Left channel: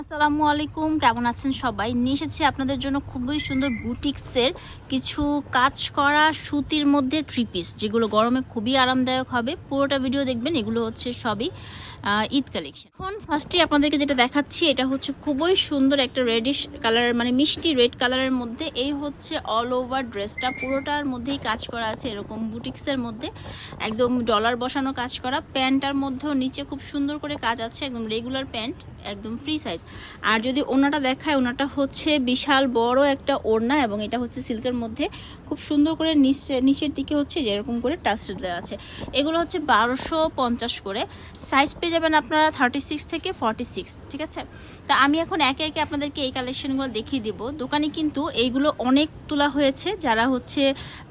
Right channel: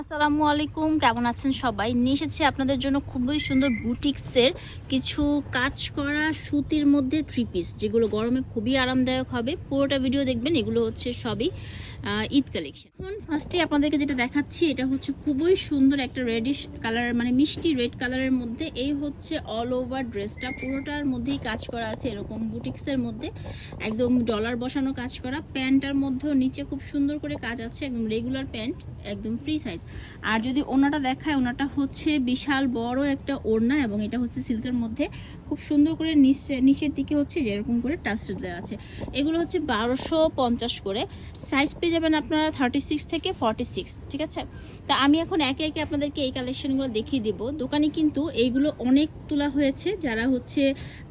আসসালামু আলাইকুম, কেমন আছেন সবাই? নিয়ে এসেছি আপনাদের জন্য খুবই সুন্দর বুটিক্সের কিছু কাজ করা সুতির মধ্যে থ্রি পিস যেগুলো গরমে খুবই আরামদায়ক হবে। পুরোটা ভিডিও দেখবেন, এগুলো হচ্ছে সবই ঈদ কালেকশন এখন ফার্স্টে আপনাদেরকে যেটা দেখাচ্ছি, এটা হচ্ছে খুবই সুন্দর একটা রেডিশ কালারের মানে মিষ্টি রেড কালারের মধ্যে। এই হচ্ছে অল ওভার ড্রেসটা পুরোটার মধ্যেই কাজ করা আছে এরকম বুটিক্সের মধ্যে। একদম ডলার বসানো কাজ করা। প্যান্টটার মধ্যেও নিচে খুব সুন্দর করে কাজ আছে, একদম রেগুলার প্যান্ট, একদম ফ্রি সাইজ আর যদি ওনাটা দেখায় ওনাটা হচ্ছে বিশাল বড় একটা ওড়না এবং এটা হচ্ছে সিল্কের মধ্যে খুব সুন্দর করে নিচে, নিচের দিকে হচ্ছে যেরকম করে টাচ দেওয়া আছে। এগুলো হচ্ছে বারোশো পঞ্চাশ করে। সাইজ পেয়ে যাবেন আপনারা থার্টি সিক্স থেকে ফর্টি সিক্স ঠিক আছে? তা আমি এখন একে একে আপনাদেরকে এই কালেকশনগুলো দেখিয়ে দিব। দোকানে কিন্তু এইগুলো অনেক তোলা হয়েছে। যারা হচ্ছে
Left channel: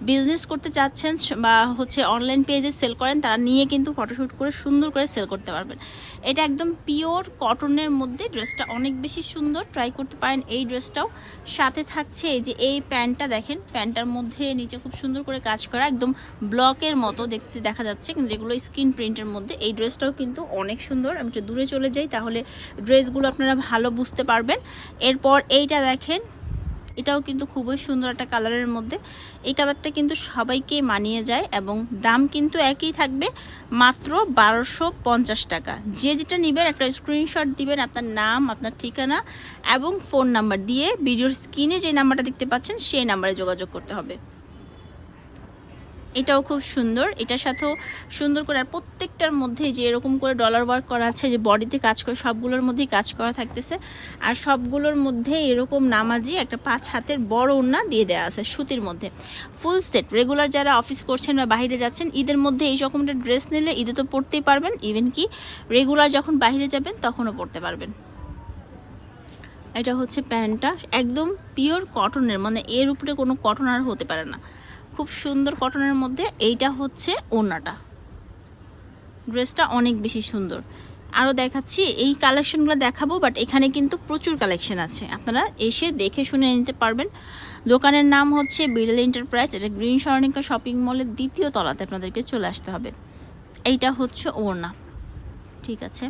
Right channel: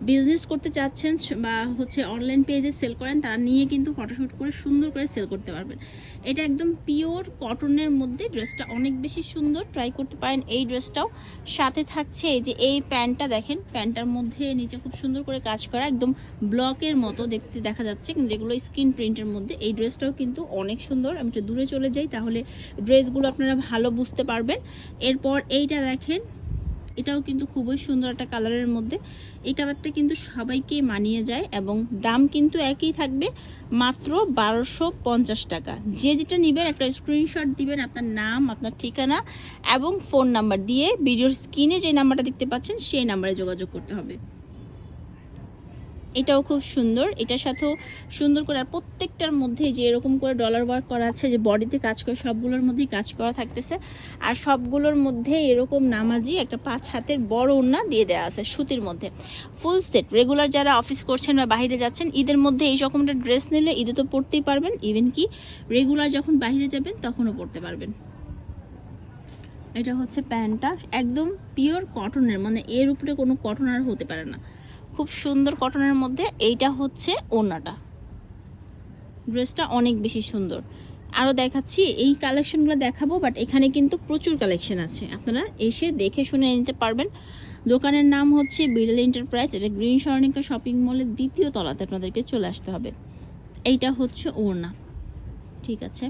বিজনেস করতে চাচ্ছেন বা হচ্ছে অনলাইন পেজে সেল করেন, তারা নিয়ে কিন্তু ফটোশ্যুট করে সুন্দর করে সেল করতে পারবেন। এটা একদম পিওর কটনের মধ্যে ড্রেসটা অনেক বেশি সুন্দর। ট্রাই করতে পারেন এই ড্রেসটাও। সাথে থাকছে এই যে এই প্যান্টটা দেখেন। প্যান্টটার মধ্যে নিচে খুব সুন্দর করে কাজ করা, একদম ব্লকের মতো দেখতে দেখা যাচ্ছে। কিন্তু এগুলো স্ক্রিন প্রিন্টের মধ্যে। এই ড্রেসটাও কিন্তু অনেক সুন্দর। আমি একটু দূরে চলে যাই, তাহলে ড্রেসগুলো আপনারা ভালো বুঝতে পারবেন। এরপর এইটা দেখেন। এটাও কিন্তু খুবই সুন্দর একটা কালারের মধ্যে। এই কালারটা কিন্তু সবাইকে মানিয়ে যায় এবং দাম কিন্তু একই থাকবে মাত্র বারোশো পঞ্চাশ টাকা। যে যেটা নেবেন একটা স্ক্রিনশট দিবেন আপনার নাম, আপনার ঠিকানা এবং ফোন নাম্বার দিয়ে ভিডিওর স্ক্রিনে যে নাম্বারটা দেখতে পাচ্ছেন, সেই নাম্বারে যোগাযোগ করতে হবে। এটাও খুব সুন্দর। এটার সাথেও সুন্দর করে আর প্রত্যেকটার মধ্যে যে এরকম করে ডলার ওয়ার্ক করা আছে, যে বডিতে কাজ করে, সবগুলোর মধ্যেই কাজ করা থাকতেছে। আর সবগুলোর মধ্যে এরকম নামাজি একটা পাঁচ হাতের বড় ওড়না দিয়ে দেওয়া আছে সুতির মধ্যে। ফুল সেট রেগুলার যারা অফিস করছেন বা বাইরে যাচ্ছেন, ঈদের মধ্যে এই রকমটা ড্রেস নিলে ঈদে তো পরতেই পারবেন। ইভেন কি রেগুলার যখন বাইরে যাবেন, তখনও পরতে পারবেন। এটা হচ্ছে প্যান্টটা। একদম পিওর কটনের মানে এর উপরে কোনো কটন আর হতে পারে না। খুব সুন্দর কটনের মধ্যে এইটা হচ্ছে ওড়নাটা। ড্রেসটা অনেক বেশি সুন্দর। আরও দেখাচ্ছি, এই কালেকশনগুলো দেখাবো, বাট এখানে কিন্তু প্রচুর কালেকশন আছে। আপনারা এসে দেখে শুনে নিতে পারবেন। দোকানের নাম হচ্ছে বিড়াল এন্টারপ্রাইজ। এটা গ্রিন স্বর্ণিকা শপিং মলের দ্বিতীয় তলাতে আপনাদেরকে চলে আসতে হবে। এইটা হচ্ছে ওড়না। ঠিক আছে?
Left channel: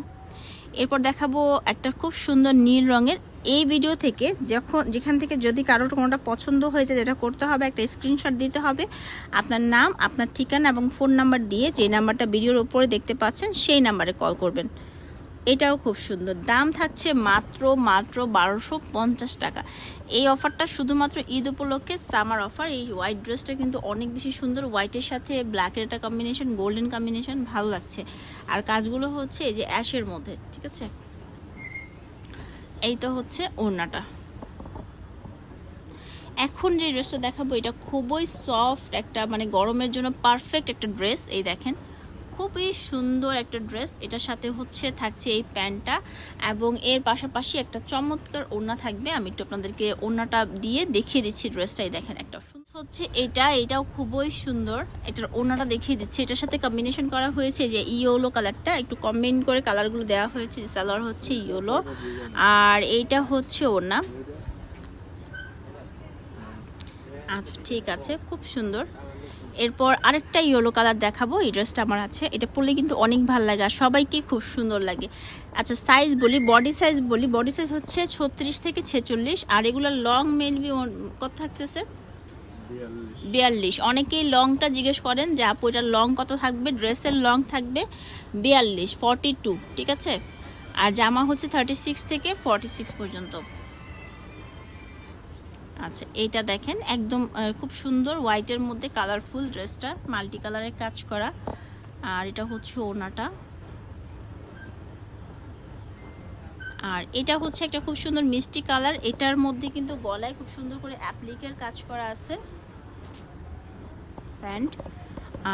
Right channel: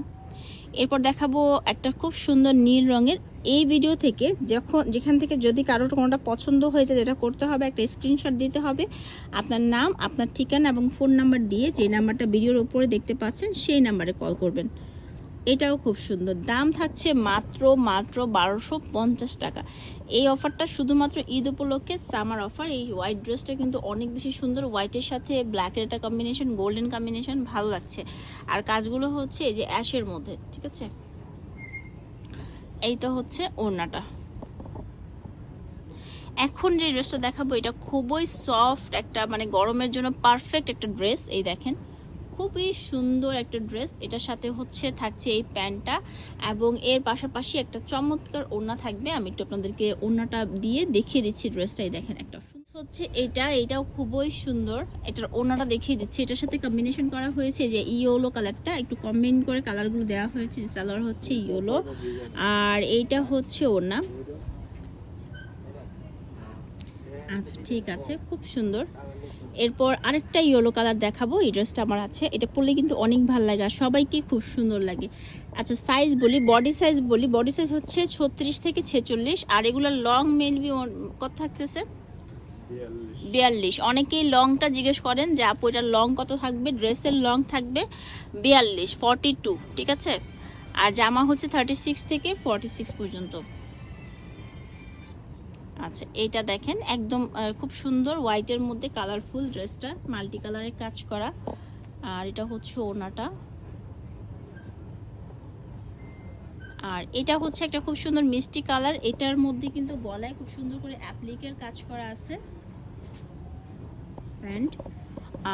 এরপর দেখাবো একটা খুব সুন্দর নীল রঙের। এই ভিডিও থেকে যখন যেখান থেকে যদি কারোর কোনোটা পছন্দ হয়েছে, যেটা করতে হবে, একটা স্ক্রিনশট দিতে হবে, আপনার নাম, আপনার ঠিকানা এবং ফোন নাম্বার দিয়ে যে নাম্বারটা ভিডিওর ওপরে দেখতে পাচ্ছেন, সেই নাম্বারে কল করবেন। এটাও খুব সুন্দর। দাম থাকছে মাত্র মাত্র বারোশো পঞ্চাশ টাকা। এই অফারটা শুধুমাত্র ঈদ উপলক্ষে সামার অফার। এই হোয়াইট ড্রেসটা কিন্তু অনেক বেশি সুন্দর। হোয়াইটের সাথে ব্ল্যাকের একটা কম্বিনেশন গোল্ডেন কম্বিনেশন ভালো লাগছে। আর কাজগুলো হচ্ছে এই যে অ্যাশের মধ্যে, ঠিক আছে? এই তো হচ্ছে ওড়নাটা। এখন যে ড্রেসটা দেখাবো, এটা খুবই সফট একটা মানে গরমের জন্য পারফেক্ট একটা ড্রেস। এই দেখেন খুবই সুন্দর একটা ড্রেস। এটার সাথে হচ্ছে থাকছে এই প্যান্টটা এবং এর পাশাপাশি একটা চমৎকার ওড়না থাকবে। আমি একটু আপনাদেরকে ওড়নাটা দিয়ে দেখিয়ে দিচ্ছি ড্রেসটাই দেখেন একটা। হচ্ছে এটা, এটাও খুবই সুন্দর। এটার ওড়নাটা দেখিয়ে দিচ্ছি। এটার সাথে কম্বিনেশন করা হয়েছে যে ইয়োলো কালারটা। একটু কম্বিন করে কালারগুলো দেওয়া হয়েছে। সালোয়ার হচ্ছে ইয়োলো। আর এইটা হচ্ছে ওড়না। আচ্ছা ঠিক আছে। খুব সুন্দর। এরপর আরেকটা ইয়েলো কালার দেখাবো এই ড্রেসটা আমার আছে। এটা পরলে কিন্তু অনেক ভালো লাগে আর সবাইকে খুব সুন্দর লাগে। আচ্ছা সাইজ বলি বডি সাইজ বলি বডি সাইজ হচ্ছে ছত্রিশ থেকে ছেচল্লিশ আর এগুলো লং মেনবি কত থাকতেছে? বিয়াল্লিশ। অনেকেই লংটা জিজ্ঞেস করেন যে আপু এটা লং কত থাকবে? ড্রেসের লং থাকবে বিয়াল্লিশ ফর্টি টু ঠিক আছে? আর জামা হচ্ছে থার্টি সিক্স থেকে ফর্টি সিক্স পর্যন্ত। আচ্ছা এইটা দেখেন, একদম খুব সুন্দর হোয়াইটের মধ্যে কালারফুল ড্রেসটা মাল্টি কালারের কাজ করা। আর এটা হচ্ছে ওনাটা আর এটা হচ্ছে একটা খুব সুন্দর মিষ্টি কালার এটার মধ্যে কিন্তু গলায় খুব সুন্দর করে অ্যাপ্লিকের কাজ করা আছে। প্যান্ট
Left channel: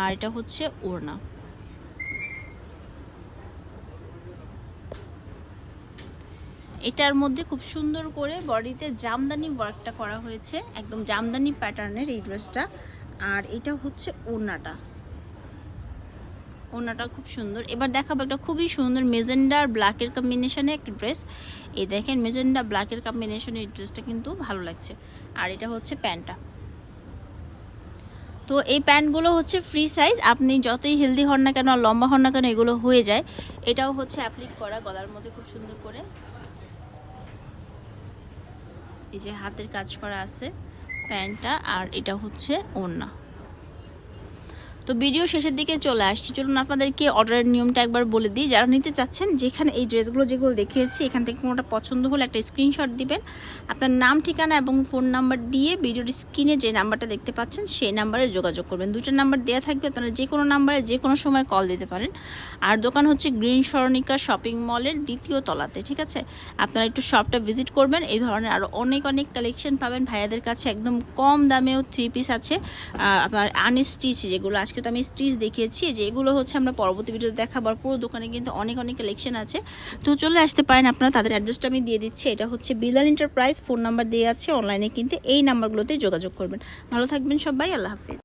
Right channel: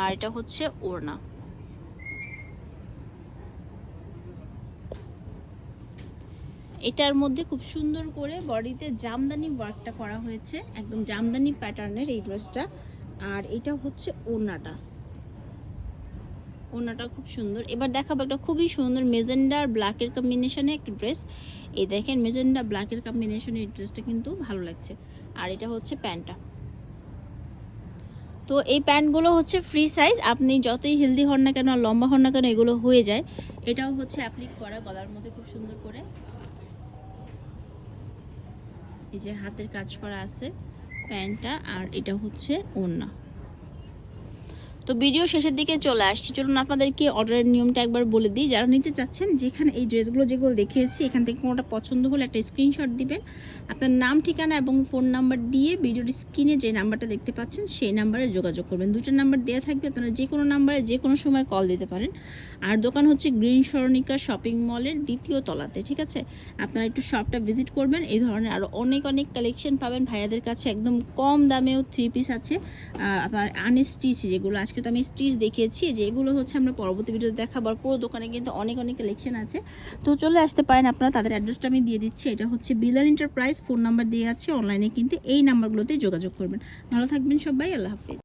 আর এটা হচ্ছে ওড়না। এটার মধ্যে খুব সুন্দর করে বডিতে জামদানি ওয়ার্কটা করা হয়েছে, একদম জামদানি প্যাটার্নের এই ড্রেসটা আর এটা হচ্ছে ওড়নাটা। ওড়নাটা খুব সুন্দর। এবার দেখাবো একটা খুবই সুন্দর মেজেন্ডার ব্ল্যাকের কম্বিনেশনে একটা ড্রেস এই দেখেন, মেজেন্ডা ব্ল্যাকের কম্বিনেশনে এই ড্রেসটা কিন্তু ভালো লাগছে। আর এটা হচ্ছে প্যান্টটা। তো এই প্যান্টগুলো হচ্ছে ফ্রি সাইজ আপনি যতই হেলদি হন না কেন লম্বা হন না কেন এগুলো হয়ে যায়। এটাও হচ্ছে অ্যাপ্লিক করা গলার মধ্যে খুব সুন্দর করে। এই যে হাতের কাজ করা আছে প্যান্টটা আর এটা হচ্ছে ওড়না। তো ভিডিও শেষের দিকে চলে আসছি। চলুন আপনাদেরকে অর্ডারের নিয়মটা একবার বলে দিই। যারা নিতে চাচ্ছেন, যেখানে এই ড্রেসগুলো যেগুলো দেখিয়েছি, এখান থেকে কোনোটা পছন্দ হলে একটা স্ক্রিনশট দিবেন। আপনার নাম, ঠিকানা এবং ফোন নাম্বার দিয়ে ভিডিওর স্ক্রিনে যে নাম্বারটা দেখতে পাচ্ছেন, সেই নাম্বারে যোগাযোগ করবেন। দুইটা নাম্বার দেওয়া থাকবে, আপনারা যে কোনো নাম্বারে যে কোনো সময় কল দিতে পারেন। আর দোকান হচ্ছে গ্রিন স্মরণিকা শপিং মলের দ্বিতীয় তলাতে, ঠিক আছে? আপনারা একটু শপটা ভিজিট করবেন। এই ধরনের আরও অনেক অনেক কালেকশন পাবেন। ভাইয়াদের কাছে একদম কম দামেও থ্রি পিস আছে। আপনার আনস্টিচ যেগুলো আজকে তো আমি স্টিচ দেখিয়েছি যে এগুলো হচ্ছে আমরা পরবর্তী ভিডিওতে দেখাবার পুরো দোকানে কিন্তু অনেক অনেক কালেকশন আছে। তো চলে আসতে পারেন, আপনারা তাদের অ্যাড্রেসটা আমি দিয়ে দিচ্ছি। এটা হচ্ছে বিলাল এন্টারপ্রাইজ ফোন নাম্বার দিয়ে আছে। অনলাইনে কিন্তু এই নাম্বারগুলোতে যোগাযোগ করবেন। ভালো থাকবেন সবাই, আল্লাহ হাফিজ।